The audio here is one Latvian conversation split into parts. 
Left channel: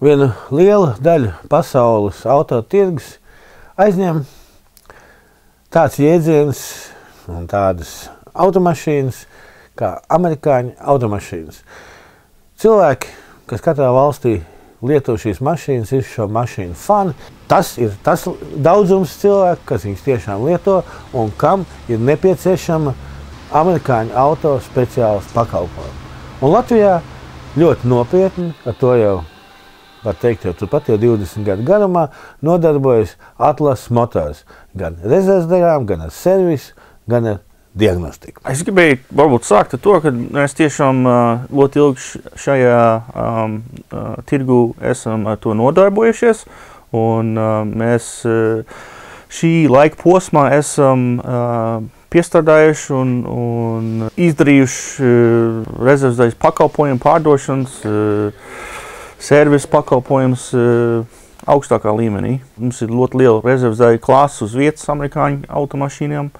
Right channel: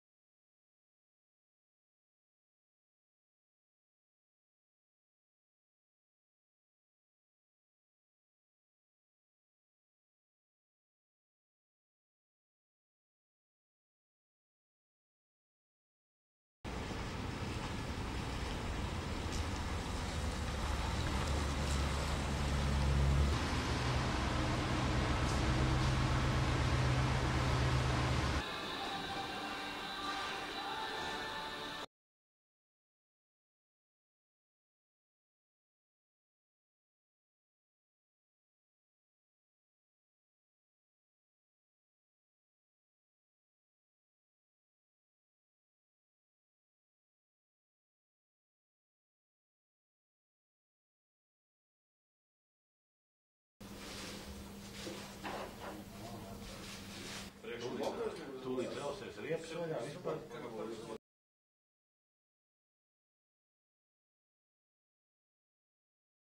vienu lielu daļu pasaules autotirgus aizņem tāds jēdziens un tādas automašīnas kā amerikāņu automašīnas. Cilvēki, kas katrā valstī lieto šīs mašīnas, ir šo mašīnu fani. Tas ir tas daudzums cilvēku, kas viņus tiešām lieto un kam ir nepieciešama amerikāņu auto speciāls pakalpojums. Un Latvijā ļoti nopietni, ar to jau var teikt, jau turpat jau 20 gadu garumā nodarbojas Atlas Motors. Gan rezervdegām, gan ar servisu, gan ar diagnostiku. Es gribēju varbūt sākt ar to, ka mēs tiešām ļoti ilgi šajā tirgu esam ar to nodarbojušies. Un mēs šī laika posmā esam piestrādājuši un izdarījuši rezervdēļas pakalpojumu pārdošanas, servisu pakalpojums augstākā līmenī. Mums ir ļoti liela rezervdēļu klāsts uz vietas amerikāņu automašīnām.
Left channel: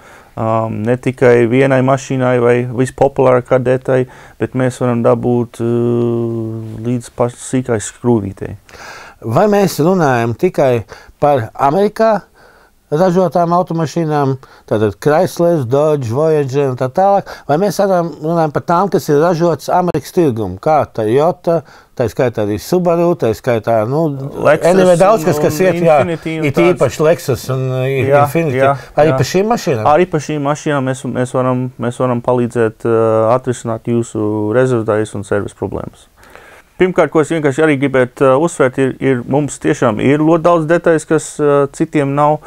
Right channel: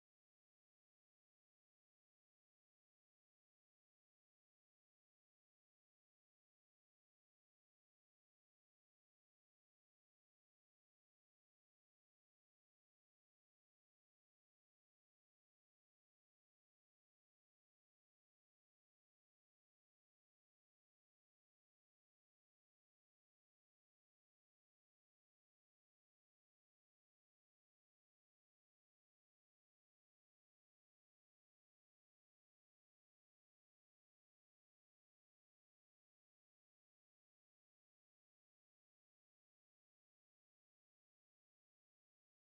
Ne tikai vienai mašīnai vai vispopulārākā detai, bet mēs varam dabūt līdz pašai sīkai skrūvītei. Vai mēs runājam tikai par Amerikā ražotām automašīnām, tātad Chrysler, Dodge, Voyager un tā tālāk, vai mēs runājam par tām, kas ir ražotas Amerikas tirgumu, kā Toyota, tā skaitā arī Subaru, tā skaitā, Lexus, daudz kas iet, it īpaši Lexus un Infiniti. Arī par šīm mašīnām? Arī par šīm mašīnām mēs varam palīdzēt atrisināt jūsu rezervdēļas un servisu problēmas. Pirmkārt, ko es vienkārši arī gribētu uzsvērt, mums tiešām ir ļoti daudz detaļas, kas citiem nav,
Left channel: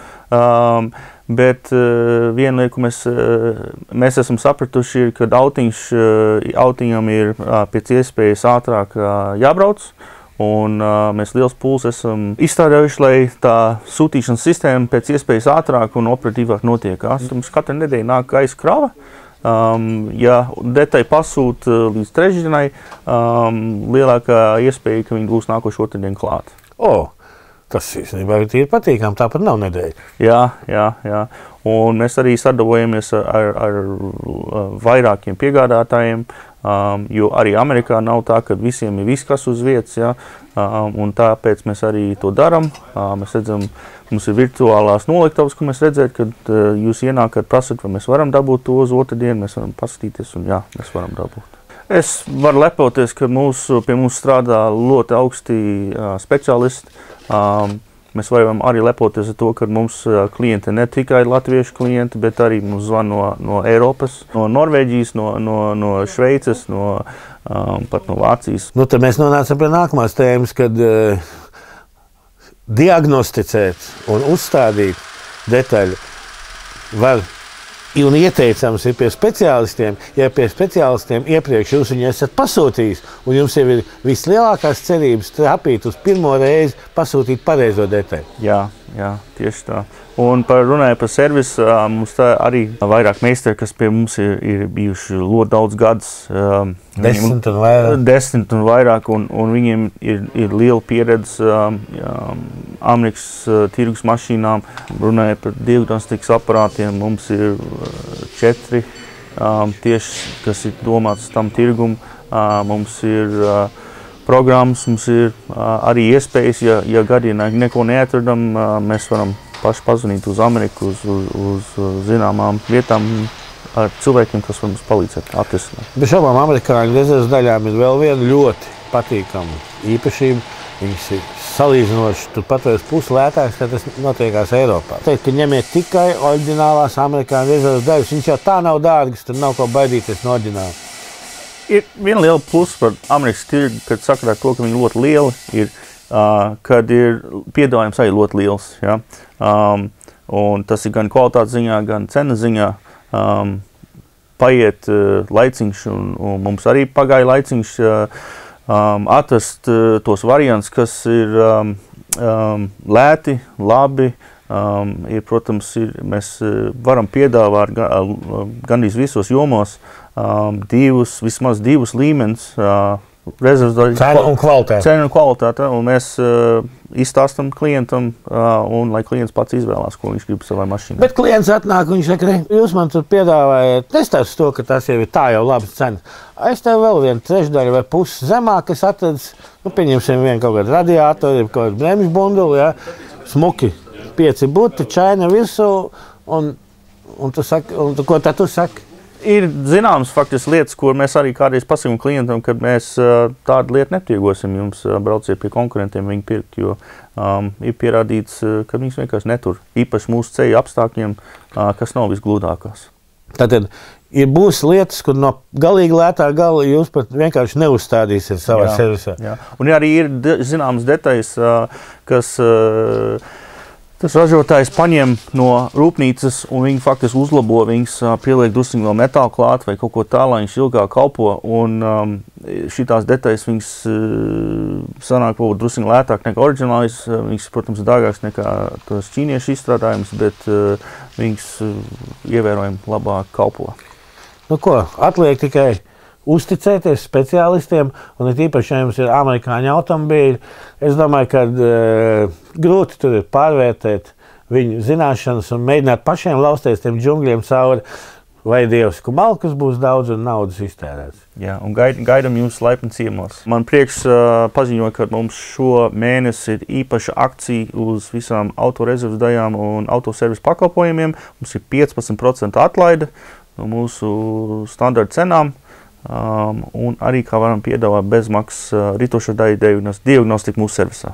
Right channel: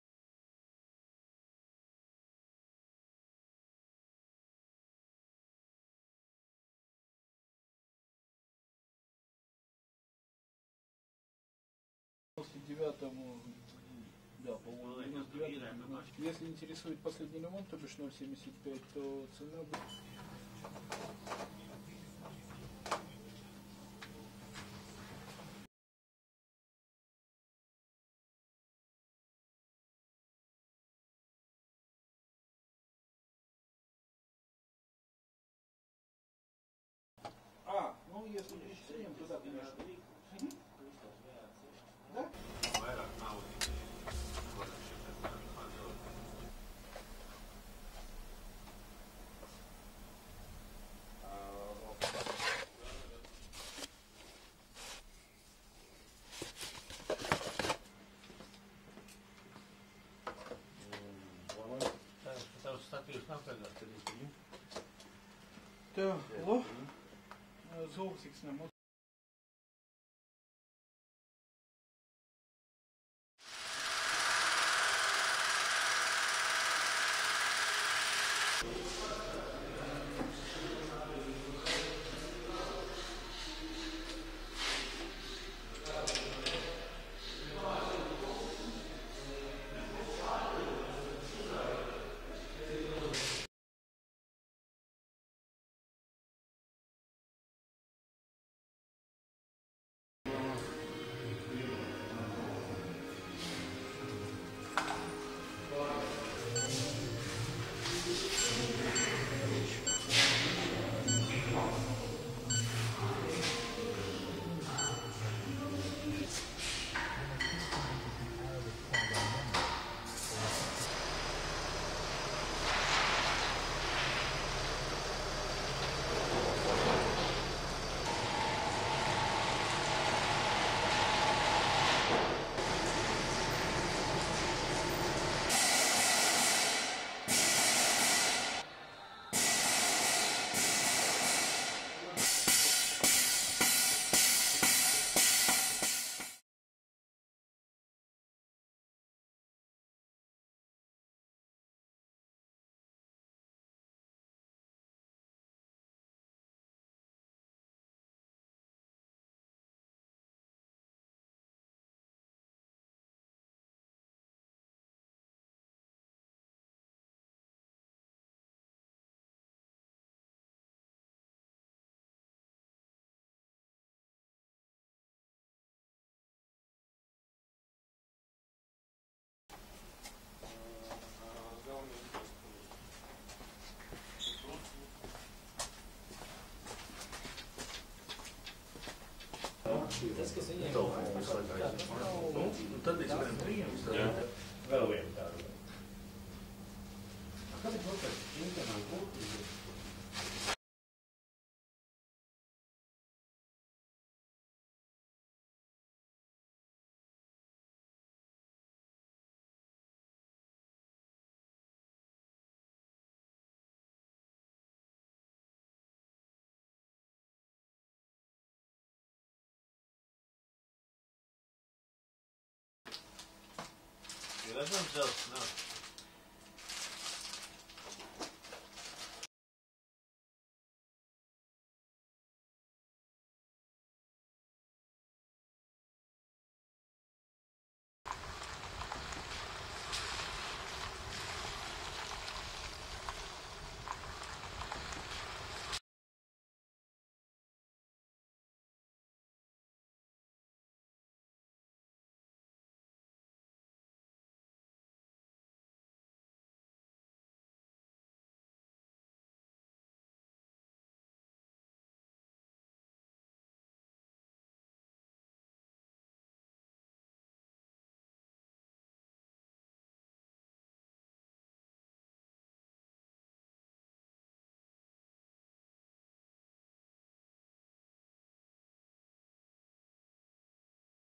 bet viena lieta, ko mēs esam sapratuši, ir, ka autiņam ir pēc iespējas ātrāk jābrauc, un mēs liels pūles esam izstrādājuši, lai tā sūtīšanas sistēma pēc iespējas ātrāk un operatīvāk notiekās. Mums katru nedēļu nāk gaisa krava. Ja detaļa pasūta līdz trešdienai, lielākā iespēja, ka viņi būs nākošu otrdien klāt. Tas īstenībā ir patīkami, tāpat nav nedēļa. Jā. Un mēs arī sadarbojamies ar vairākiem piegādātājiem, jo arī Amerikā nav tā, ka visiem ir viss, kas uz vietas, ja? Un tāpēc mēs arī to darām. Mēs redzam, mums ir virtuālās noliktavas, ko mēs redzēt, kad jūs ienākat, prasat, vai mēs varam dabūt to uz otrdienu, mēs varam paskatīties un jā, mēs varam dabūt. Es varu lepoties, ka pie mums strādā ļoti augsti speciālisti. Mēs varam arī lepoties ar to, ka mums klienti ne tikai latviešu klienti, bet arī mums zvan no Eiropas, no Norvēģijas, no Šveices, pat no Vācijas. Tad mēs nonācam pie nākamās tēmas, kad diagnosticēt un uzstādīt detaļu var un ieteicams ir pie speciālistiem. Ja pie speciālistiem iepriekš jūs viņu esat pasūtījis un jums jau ir vislielākās cerības trapīt uz pirmo reizi pasūtīt pareizo detaļu. Jā, tieši tā. Un runājot par servisu, mums tā arī vairāk meistari, kas pie mums ir bijuši ļoti daudz gadus. 10 un vairāk. 10 un vairāk, un viņiem ir liela pieredze Amerikas tirgus mašīnām. Runājot par diagnostikas aparātiem, mums ir 4 tieši, kas ir domāts tam tirgum. Mums ir programmas, mums ir arī iespējas, ja gadījumā neko neatradam, mēs varam paši pazvanīt uz Ameriku, uz zināmām vietām ar cilvēkiem, kas var mums palīdzēt atrisināt. Bez šaubām amerikāņu rezerves daļām ir vēl viena ļoti patīkama īpašība. Viņas ir salīdzinoši turpat vairs pusi lētākas, kad tas notiekās Eiropā. Teikt, ka ņemiet tikai oriģinālās amerikāņu rezerves daļas. Viņš jau tā nav dārgas, tad nav ko baidīties no oriģināla. Ir viena liela plusa par Amerikas tirgu, kad sakarā to, ka viņi ļoti lieli ir, kad ir piedāvājums arī ļoti liels. Ja? Un tas ir gan kvalitātes ziņā, gan cena ziņā. Paiet laiciņš, un mums arī pagāja laiciņš atrast tos variants, kas ir lēti, labi. Protams, mēs varam piedāvāt gandrīz visos jomos vismaz divus līmenis rezerves Cena un kvalitāte. Cena un kvalitāte, un mēs izstāstam klientam, un lai klients pats izvēlās, ko viņš grib savai mašīnai. Bet klients atnāk, un viņš saka, jūs man tur piedāvājat, nestāst to, ka tas jau ir tā jau labas cenas. Es tev vēl vienu trešdaļu vai pusi zemāk, kas atradis, pieņemsim vienu kaut kādu radiātoru, kaut kādu bremžu bunduli, smuki, 5 buti, čaina virsū, un tu saki, un ko tad tu saki? Ir zināmas faktiski lietas, kur mēs arī kādreiz pasakām klientam, ka mēs tādu lietu netirgosim jums, brauciet pie konkurentiem viņu pirkt, jo ir pierādīts, ka viņus vienkārši netur. Īpaši mūsu ceļu apstākļiem, kas nav visgludākās. Tātad būs lietas, kur no galīgi lētā gala jūs pat vienkārši neuzstādīsiet savā servisā. Jā. Un arī ir zināmas detaļas, kas tas ražotājs paņem no rūpnīcas un viņi faktiski uzlabo, viņas pieliek drusciņu vēl metālu klāt vai kaut ko tā, lai viņš ilgāk kalpo. Un šitās detaļas viņas sanāk varbūt drusciņu lētāk nekā oriģinālis. Viņas, protams, dārgāks nekā tos ķīniešu izstrādājumus, bet viņas ievērojami labāk kalpo. Nu ko, atliek tikai uzticēties speciālistiem, un ir īpaši, ja jums ir amerikāņu automobīļi. Es domāju, ka grūti tur ir pārvērtēt viņu zināšanas un mēģināt pašiem lausties tiem džungļiem cauri, vai Dievs, ka malkas būs daudz un naudas iztērēts. Jā, un gaidam jūs laipni ciemos. Man prieks paziņoja, ka mums šo mēnesi ir īpaša akcija uz visām autorezerves daļām un autoservisu pakalpojumiem. Mums ir 15% atlaide no mūsu standarta cenām. Un arī kā varam piedāvāt bezmaksas ritošo daļu diagnostiku mūsu servisā.